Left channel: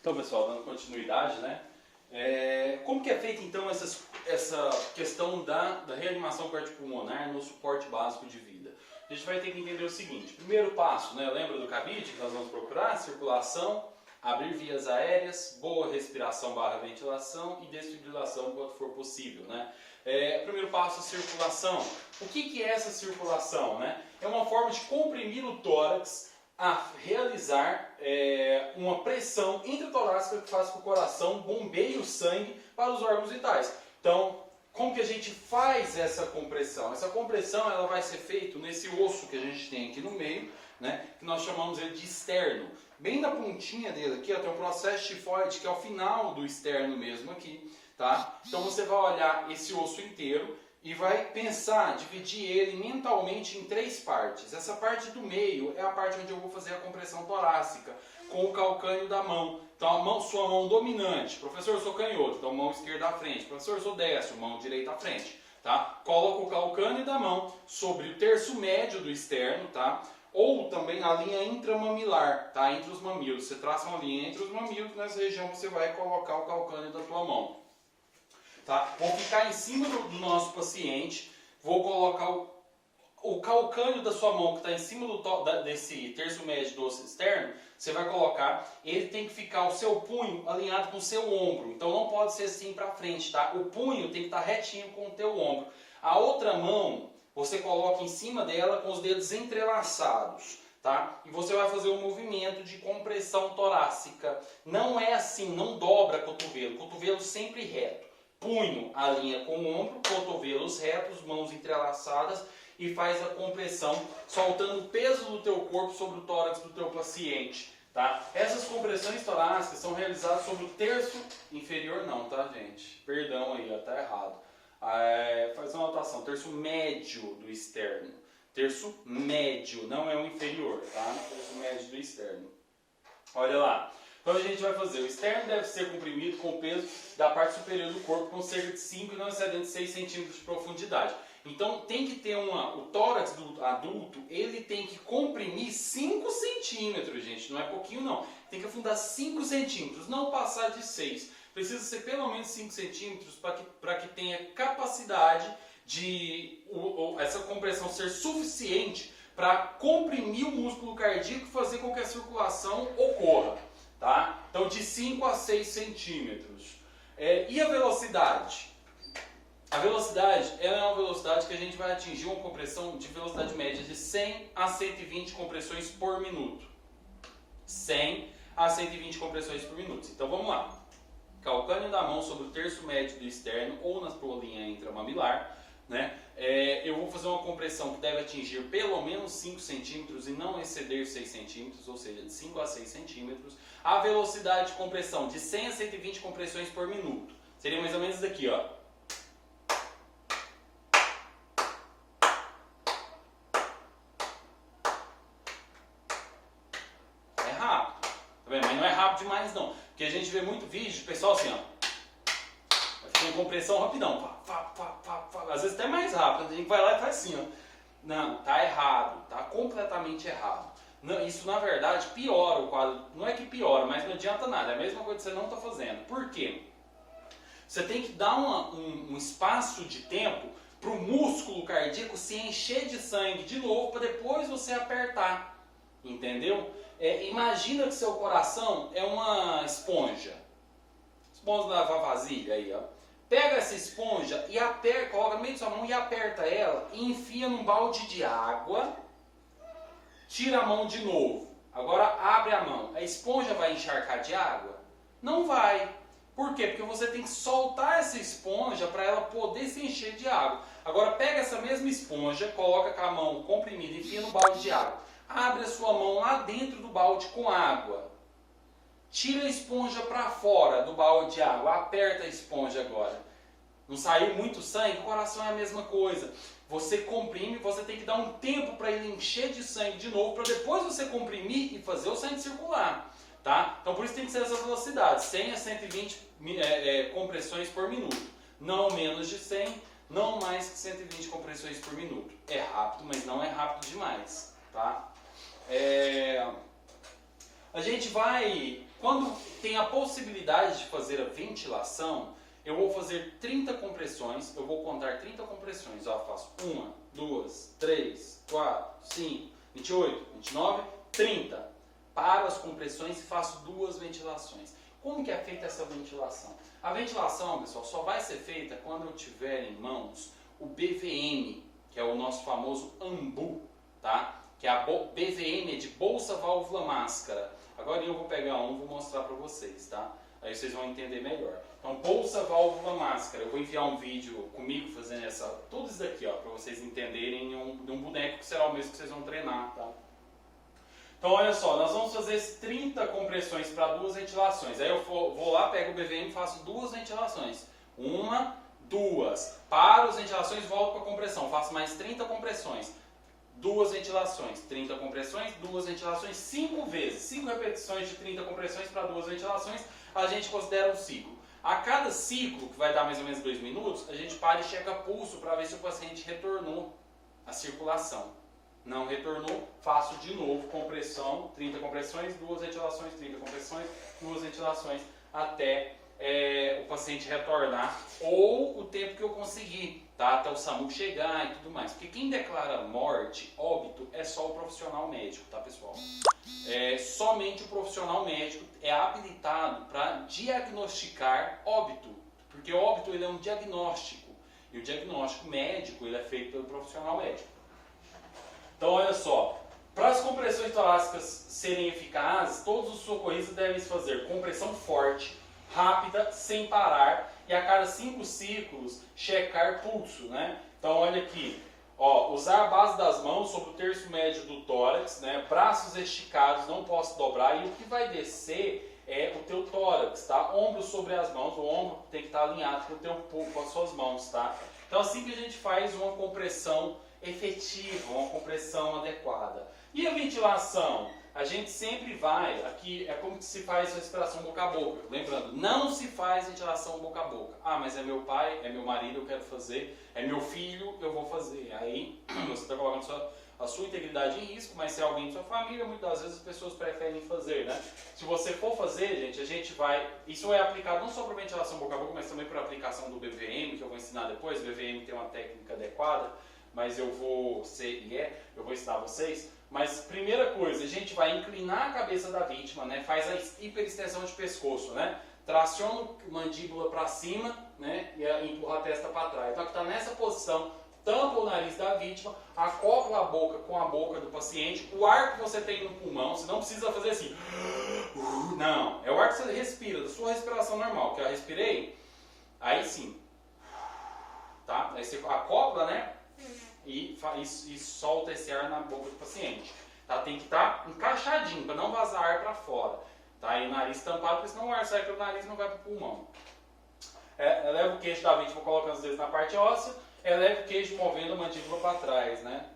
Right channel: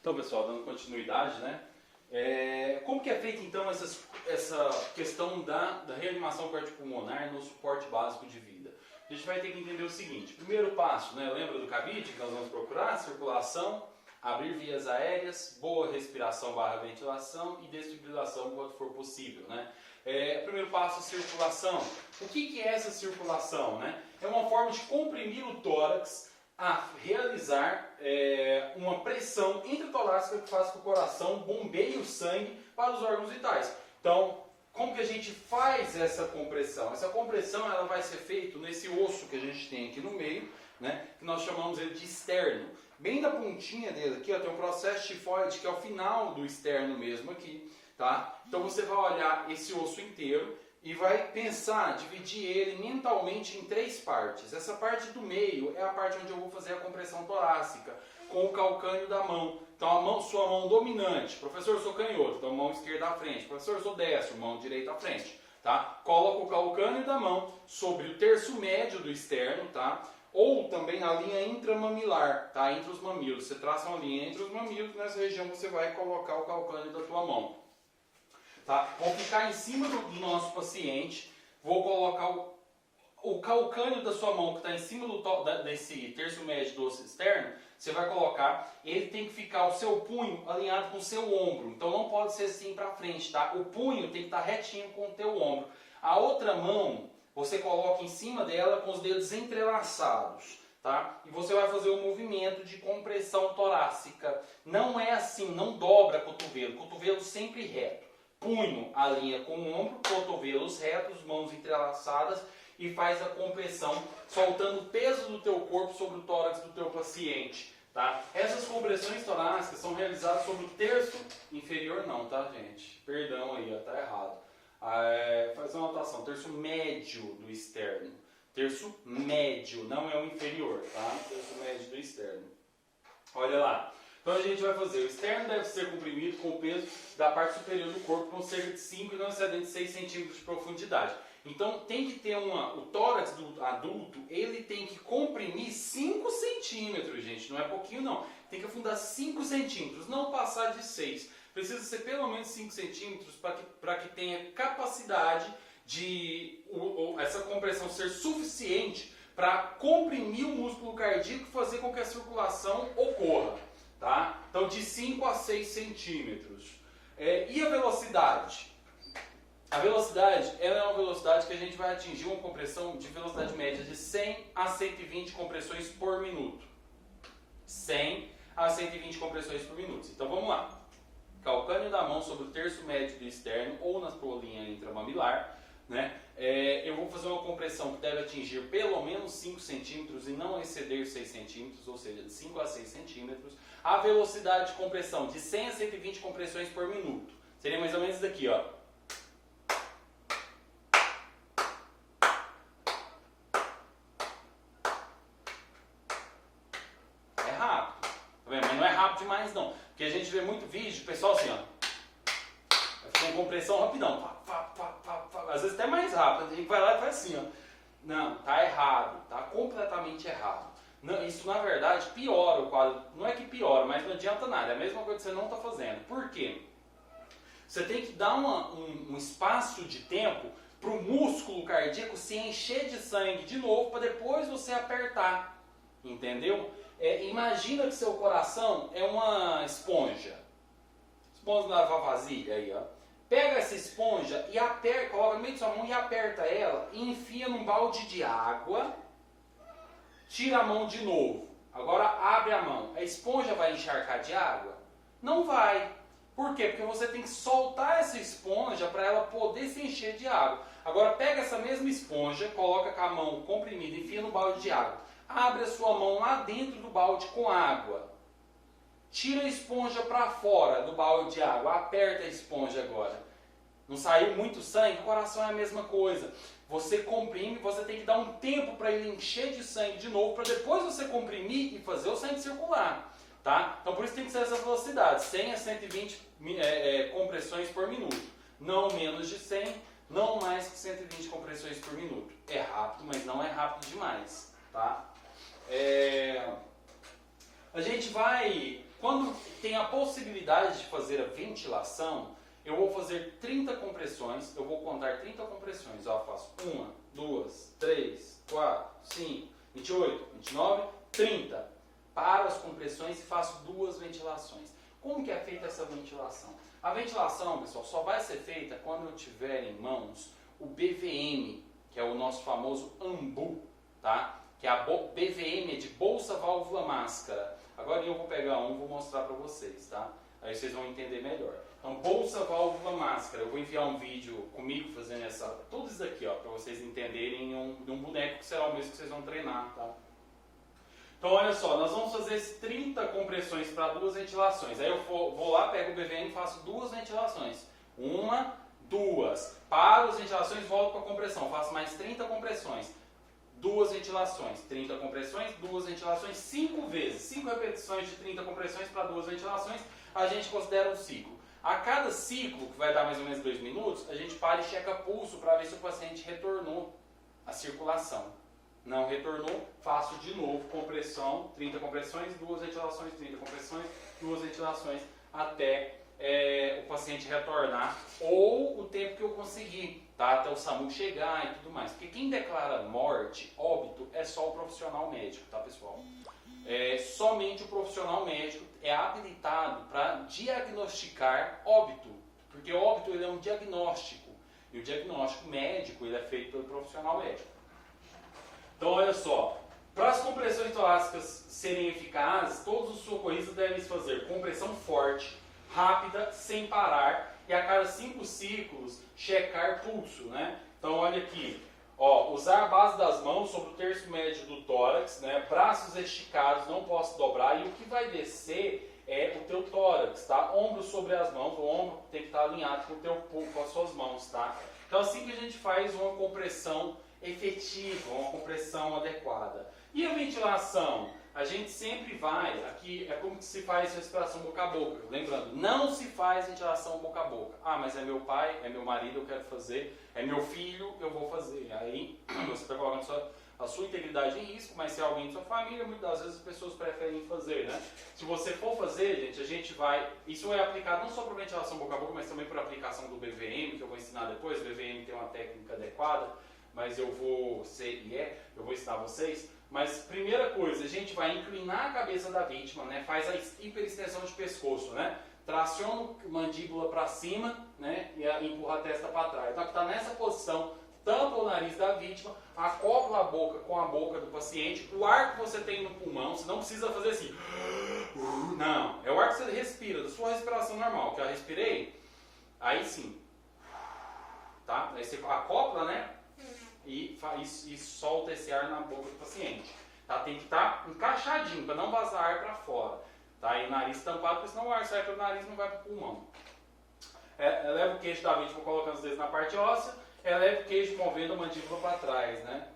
Então, pessoal, dando continuidade, né? Como que é feita, então, essa questão da reanimação cardiopulmonar no suporte básico de vida? A gente vai ter que entender o seguinte. Primeiro passo, né? Lembra do cabide que nós vamos procurar? Circulação, abrir vias aéreas, boa respiração / ventilação e desfibrilação quando for possível, né? Primeiro passo, circulação. O que é essa circulação, né? É uma forma de comprimir o tórax a realizar uma pressão intratorácica que faz com que o coração bombeie o sangue para os órgãos vitais. Então, como que a gente faz essa compressão? Essa compressão ela vai ser feita nesse osso que a gente tem aqui no meio, né, que nós chamamos ele de externo. Bem da pontinha dele aqui, ó, tem um processo tifoide que é o final do externo mesmo aqui, tá? Então você vai olhar esse osso inteiro e vai pensar, dividir ele mentalmente em 3 partes. Essa parte do meio é a parte onde eu vou fazer a compressão torácica, com o calcânio da mão. Então sua mão dominante, professor, eu sou canhoto, então mão esquerda à frente, professor, eu sou destro, mão direita à frente, tá? Coloca o calcânio da mão sobre o terço médio do externo, tá? Ou também na linha intramamilar, tá? Entre os mamilos. Você traça uma linha entre os mamilos, nessa região você vai colocar o calcânio da tua mão. Tá? Vou ficar em cima do nosso paciente, vou colocar o calcânio da sua mão que está em cima desse terço médio do osso externo, você vai colocar, ele tem que ficar o seu punho alinhado com o seu ombro, então não pode ser assim para frente, tá? O punho tem que estar retinho com o teu ombro. A outra mão, você coloca em cima dela com os dedos entrelaçados, tá? E você vai fazer um movimento de compressão torácica. Não é assim, não dobra cotovelo, cotovelo sempre reto. Punho alinha com o ombro, cotovelos retos, mãos entrelaçadas e faz a compressão, soltando o peso do teu corpo sobre o tórax do teu paciente, tá? Essas compressões torácicas são realizadas sobre o terço inferior não, tá, gente? Perdão aí, tá errado. Faz uma anotação, terço médio do externo. Terço médio, não é o inferior, tá? Terço médio do externo. Olha lá. Então a gente vai fazer, o externo deve ser comprimido com o peso da parte superior do corpo com cerca de 5 e não excedente de 6 centímetros de profundidade. Então tem que ter o tórax do adulto, ele tem que comprimir 5 centímetros, gente, não é pouquinho não. Tem que afundar 5 centímetros, não passar de 6. Precisa ser pelo menos 5 centímetros para que tenha capacidade de essa compressão ser suficiente para comprimir o músculo cardíaco e fazer com que a circulação ocorra. Tá? Então de 5 a 6 centímetros. E a velocidade? A velocidade ela é uma velocidade que a gente vai atingir uma compressão de velocidade média de 100 a 120 compressões por minuto. 100 a 120 compressões por minuto. Então vamos lá. Calcânio da mão sobre o terço médio do externo ou na tua linha intramamilar. Né? Eu vou fazer uma compressão que deve atingir pelo menos 5 centímetros e não exceder 6 centímetros, ou seja, de 5 a 6 centímetros. A velocidade de compressão de 100 a 120 compressões por minuto. Seria mais ou menos daqui, ó. É rápido, tá vendo? Mas não é rápido demais não, porque a gente vê muito vídeo, o pessoal assim, ó. Vai fazer uma compressão rapidão, às vezes até mais rápido, a gente vai lá e faz assim, ó. Não, tá errado, tá completamente errado. Não, isso na verdade piora o quadro, não é que piora, mas não adianta nada, é a mesma coisa que você não está fazendo. Por quê? Você tem que dar um espaço de tempo para o músculo cardíaco se encher de sangue de novo para depois você apertar, entendeu? Imagina que seu coração é uma esponja de lavar vasilha aí, ó. Pega essa esponja e aperta, coloca no meio da sua mão e aperta ela e enfia num balde de água, tira a mão de novo. Agora abre a mão. A esponja vai encharcar de água? Não vai. Por quê? Porque você tem que soltar essa esponja para ela poder se encher de água. Agora pega essa mesma esponja, coloca com a mão comprimida, enfia no balde de água. Abre a sua mão lá dentro do balde com água. Tira a esponja para fora do balde de água, aperta a esponja agora. Não saiu muito sangue? O coração é a mesma coisa. Você comprime, você tem que dar um tempo para ele encher de sangue de novo, para depois você comprimir e fazer o sangue circular. Tá? Então por isso tem que ser essa velocidade, 100 a 120 compressões por minuto. Não menos de 100, não mais que 120 compressões por minuto. É rápido, mas não é rápido demais. Tá? A gente vai Quando tem a possibilidade de fazer a ventilação, eu vou fazer 30 compressões, eu vou contar 30 compressões. Ó, faço 1, 2, 3, 4, 5, 28, 29, 30. Paro as compressões e faço 2 ventilações. Como que é feita essa ventilação? A ventilação, pessoal, só vai ser feita quando eu tiver em mãos o BVM, que é o nosso famoso AMBU, tá? Que é a BVM é de bolsa, válvula, máscara. Agora eu vou pegar um e vou mostrar para vocês, tá? Aí vocês vão entender melhor. Então, bolsa, válvula, máscara. Eu vou enviar um vídeo comigo fazendo tudo isso daqui, ó, para vocês entenderem de um boneco que será o mesmo que vocês vão treinar, tá? Então, olha só, nós vamos fazer 30 compressões para 2 ventilações. Aí eu vou lá, pego o BVM e faço 2 ventilações. 1, 2. Paro as ventilações, volto para a compressão. Faço mais 30 compressões. 2 ventilações, 30 compressões, 2 ventilações, 5 vezes. 5 repetições de 30 compressões para 2 ventilações, a gente considera um ciclo. A cada ciclo, que vai dar mais ou menos 2 minutos, a gente para e checa pulso para ver se o paciente retornou à circulação. Não retornou, faço de novo compressão, 30 compressões, 2 ventilações, 30 compressões, 2 ventilações, até o paciente retornar, ou o tempo que eu conseguir, tá? Até o SAMU chegar e tudo mais. Porque quem declara morte, óbito, é só o profissional médico, tá, pessoal? Somente o profissional médico é habilitado para diagnosticar óbito, porque óbito ele é um diagnóstico, e o diagnóstico médico ele é feito pelo profissional médico. Então, olha só, para as compressões torácicas serem eficazes, todos os socorristas devem fazer compressão forte, rápida, sem parar, e a cada 5 ciclos checar pulso, né? Então, olha aqui, ó, usar a base das mãos sobre o terço médio do tórax, né? Braços esticados, não posso dobrar, e o que vai descer é o teu tórax, tá? Ombro sobre as mãos, o ombro tem que estar alinhado com as suas mãos, tá? Então, assim que a gente faz uma compressão efetiva, uma compressão adequada. E a ventilação? A gente sempre vai, aqui é como que se faz respiração boca a boca. Lembrando, não se faz ventilação boca a boca. Ah, mas é meu pai, é meu marido, eu quero fazer, é meu filho, eu vou fazer. Aí você está colocando a sua integridade em risco, mas se é alguém de sua família, muitas das vezes as pessoas preferem fazer, né? Se você for fazer, gente, a gente vai... Isso é aplicado não só para ventilação boca a boca, mas também para a aplicação do BVM, que eu vou ensinar depois. O BVM tem uma técnica adequada, mas eu vou ensinar vocês. Mas primeira coisa, a gente vai inclinar a cabeça da vítima, né? Faz a hiperextensão de pescoço, né? Traciona a mandíbula para cima, né? E empurra a testa para trás. Então, que está nessa posição, tampa o nariz da vítima, acopla a boca com a boca do paciente, o ar que você tem no pulmão, você não precisa fazer assim. Não, é o ar que você respira, da sua respiração normal, que eu respirei, aí sim. Tá? Aí você acopla, né? E solta esse ar na boca do paciente. Tá? Tem que estar encaixadinho, para não vazar ar para fora. Tá? E o nariz tampado, porque senão o ar sai pelo nariz e não vai para o pulmão. Eleva o queixo da vítima colocando os dedos na parte óssea, eleva o queixo movendo a mandíbula para trás. Né?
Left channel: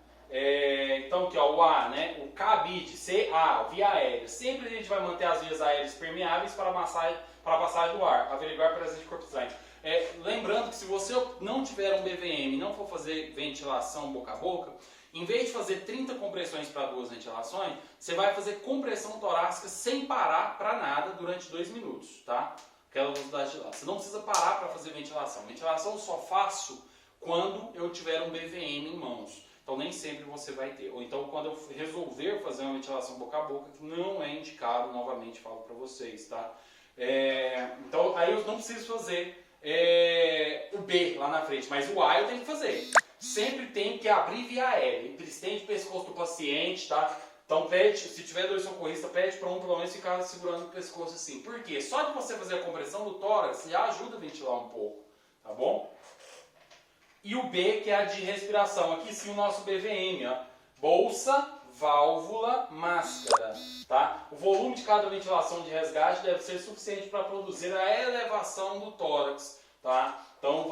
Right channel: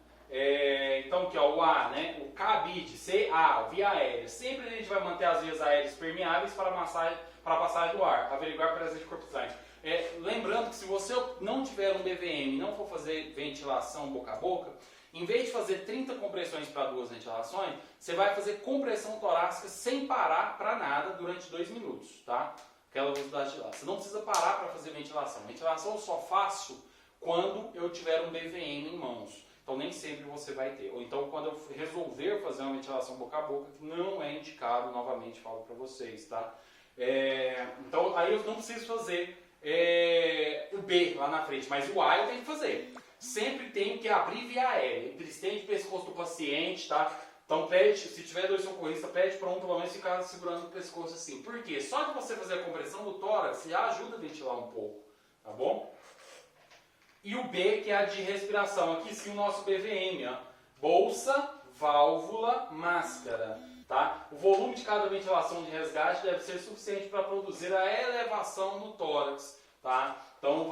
Então aqui, ó, o A, né? O cabide, CA, via aérea. Sempre a gente vai manter as vias aéreas permeáveis para a passagem do ar. Averiguar a presença de corpo estranho. Lembrando que se você não tiver um BVM e não for fazer ventilação boca a boca, em vez de fazer 30 compressões para 2 ventilações, você vai fazer compressão torácica sem parar para nada durante 2 minutos, tá? Aquela velocidade de lá. Você não precisa parar para fazer ventilação. Ventilação eu só faço quando eu tiver um BVM em mãos. Então nem sempre você vai ter. Ou então quando eu resolver fazer uma ventilação boca a boca, que não é indicado, novamente falo para vocês, tá? Então aí eu não preciso fazer o B lá na frente, mas o A eu tenho que fazer. Sempre tem que abrir via aérea. Estende o pescoço do paciente, tá? Então pede, se tiver 2 socorristas, pede para um pelo menos ficar segurando o pescoço assim. Por quê? Só de você fazer a compressão do tórax já ajuda a ventilar um pouco, tá bom? E o B, que é a de respiração. Aqui sim o nosso BVM, ó. Bolsa, válvula, máscara, tá? O volume de cada ventilação de resgate deve ser suficiente para produzir a elevação do tórax, tá? Então,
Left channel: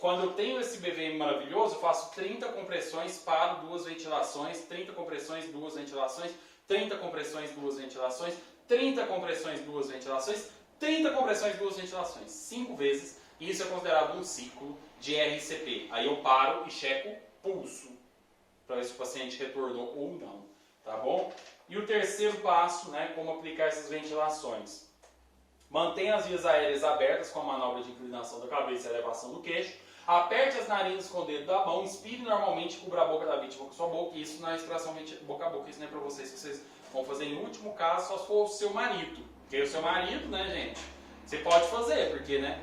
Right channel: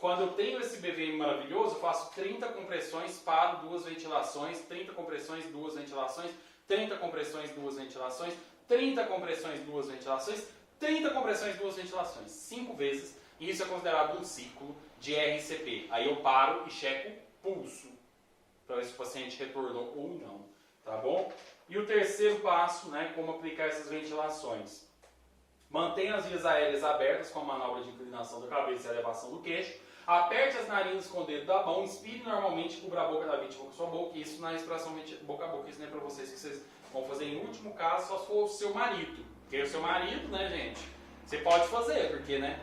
quando eu tenho esse BVM maravilhoso, eu faço 30 compressões, paro 2 ventilações, 30 compressões, 2 ventilações, 30 compressões, 2 ventilações, 30 compressões, 2 ventilações, 30 compressões, 2 ventilações, 5 vezes, e isso é considerado um ciclo de RCP. Aí eu paro e checo pulso, para ver se o paciente retornou ou não, tá bom? E o terceiro passo, né, como aplicar essas ventilações. Mantenha as vias aéreas abertas com a manobra de inclinação da cabeça e elevação do queixo. Aperte as narinas com o dedo da mão, inspire normalmente, cubra a boca da vítima com sua boca. Isso na respiração boca a boca. Isso não é para vocês que vocês vão fazer em último caso, só se for o seu marido. Porque o seu marido, né, gente, você pode fazer, porque, né,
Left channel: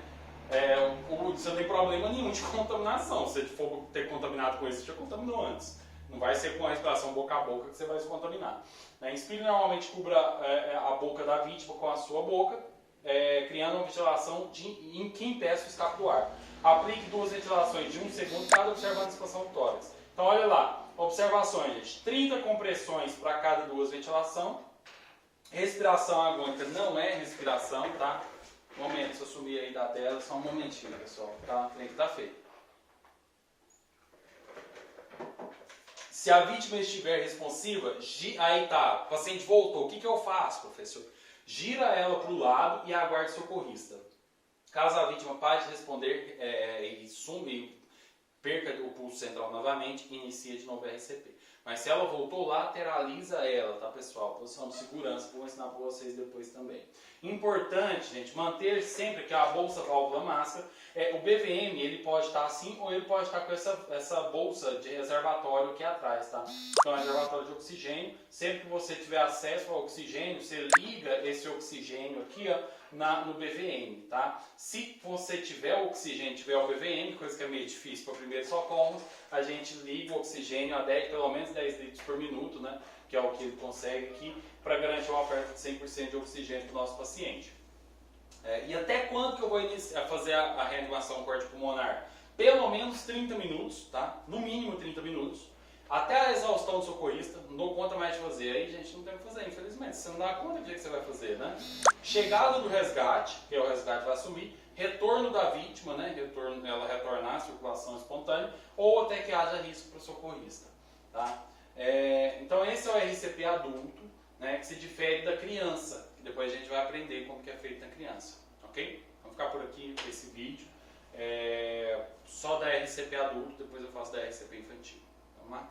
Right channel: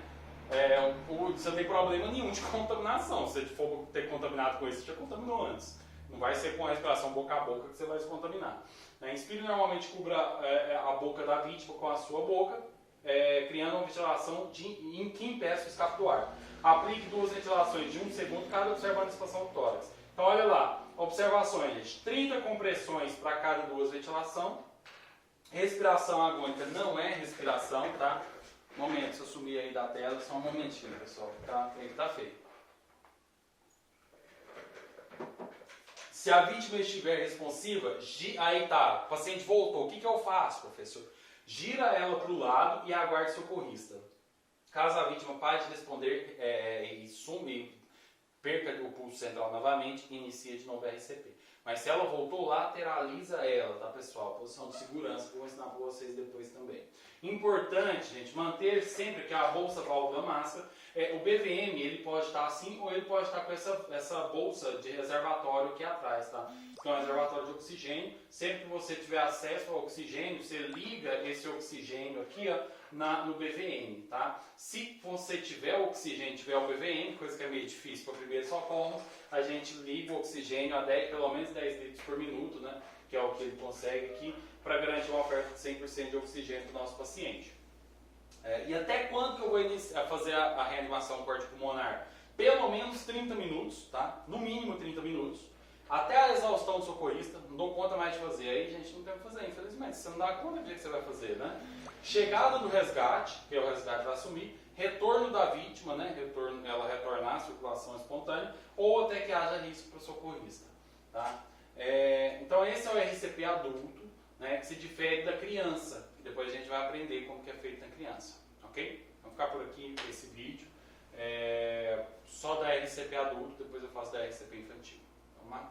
você não tem problema nenhum de contaminação. Se você for ter contaminado com isso, você já contaminou antes. Não vai ser com a respiração boca a boca que você vai se contaminar. Inspire normalmente, cubra a boca da vítima com a sua boca, criando uma ventilação que impeça o escape do ar. Aplique 2 ventilações de 1 segundo cada, observando a expansão do tórax. Então, olha lá, observações, gente. 30 compressões para cada 2 ventilações. Respiração agônica não é respiração, tá? Momento, se eu sumir aí da tela, só um momentinho, pessoal. Tá? Tá feio. Se a vítima estiver responsiva, aí tá, o paciente voltou. O que eu faço, professor? Gira ela para o lado e aguarde o socorrista. Caso a vítima pare de responder e sume, perca o pulso central novamente, inicia de novo a RCP. Mas se ela voltou, lateraliza ela, tá, pessoal? Posição de segurança, que eu vou ensinar para vocês depois também. Importante, gente, manter sempre que a bolsa válvula máscara, o BVM, ele pode estar assim ou ele pode estar com essa bolsa de reservatório aqui atrás, tá? Então, é um reservatório de oxigênio. Sempre que você tiver acesso ao oxigênio, você liga esse oxigênio aqui, ó, no BVM, tá? Se você tiver o oxigênio, tiver o BVM, coisa que é meio difícil para o primeiro socorro, a gente liga o oxigênio a pelo menos 10 litros por minuto, né? Que é o que ele consegue aqui, para garantir uma oferta de 100% de oxigênio para o nosso paciente. E até quando que eu vou fazer a reanimação cardiopulmonar? Pelo menos 30 minutos, tá? No mínimo 30 minutos. Até a exaustão do socorrista, não dou conta mais de fazer. Aí, gente, não tem o que fazer, infelizmente. Você não dá conta do que você vai fazer, né? Chegada do resgate, que é o resgate vai assumir. Retorno da vítima, né? Ela retornar à circulação espontânea. Ou até que haja risco para o socorrista, tá? Então, esse é o RCP adulto, né? Que se difere da criança. Que depois a gente vai aprender como que é feito na criança, ok? Vamos ficar por aqui com esse vídeo. Só da RCP adulto, depois eu faço da RCP infantil. Vamos lá?